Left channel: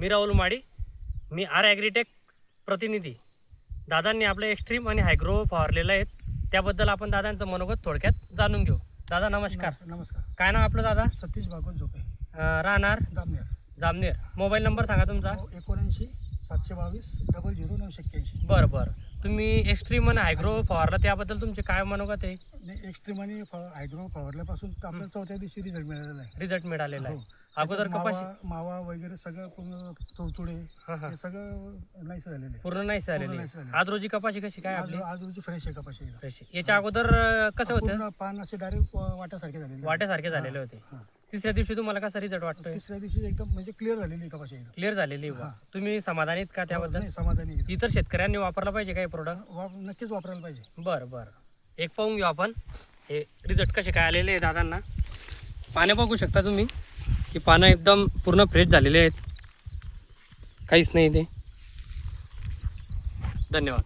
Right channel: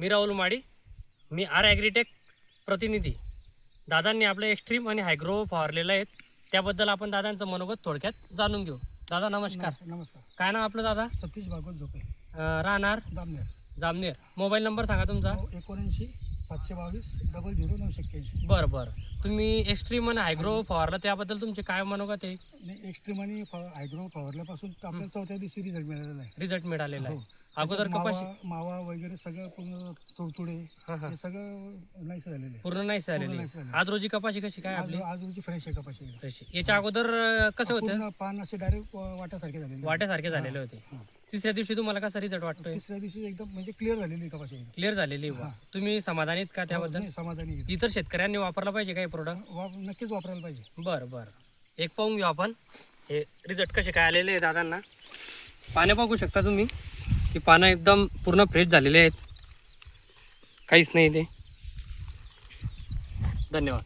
मी राहुल माडी, मी R agritech प्रतिनिधी. दादांनी आपलं एक्स्ट्रीम आणि हायग्रो फवारलेलं आहे, त्याबद्दल आपण दादांचं मनोगत थोडक्यात जाणून घेऊ. दादा नमस्कार. नमस्कार. काय नाव आपलं दादा? सतीश भागवत झोपे, राहणार जामनेर. जामनेर. मोबाईल नंबर सांगा तुमचा. 79 722 00 981. बरं बरं. तुम्ही एक्स्ट्रीम आणि हायग्रो फवारला, त्याबद्दल तुमचे काय मनोगत आहे? नाही, एक्स्ट्रीम आणि हायड्रो फवारल्यापासून तर आपल्याला चौथ्या दिवशी रिझल्ट मिळालेला आहे. रिझल्ट मिळालेला आहे. हो. अगोदर त्याच्यात कपाशी मावा वगैरे सगळं पूर्ण तुडतुडे हां हां हे सगळं नाहीस झालेलं आहे. पूर्ण नाही पूर्ण झालेली. नाहीस झालेलं. आज रोजी कपाशी कशी काय आज आपली? आज रोजी फ्रेश आहे कपाशी एकदम. कशी? याच्या अगोदर कसं होतं? पूर्ण पान असे डायरेक्ट वाट्यासारखे झालेले आहे. वाट्यासारखे झालेले होते. हां. तिसऱ्या दिवशी तुम्हाला कसा रिझल्ट वाटतोय? तिसऱ्या दिवशी एकदम म्हणजे क्लिअर झालेली आहे कपाशी एकदम. क्लिअर झालेली आहे. हां. तुम्ही समाधानीत का त्याबद्दल? नाही, समाधानी एकदम. इतर शेतकऱ्यांनी वापरला पाहिजे काही प्रोडक्ट? नक्कीच वापरायला पाहिजे. बरं बरं. एक पाहून घेऊ आपण हे रिझल्ट कसे काय आलेले आहे दादांना. पानं बघू शकता तुम्ही की पानं एकदम पूर्ण फ्रेश झालेले आहेत, काहीच नाही ते. धन्यवाद.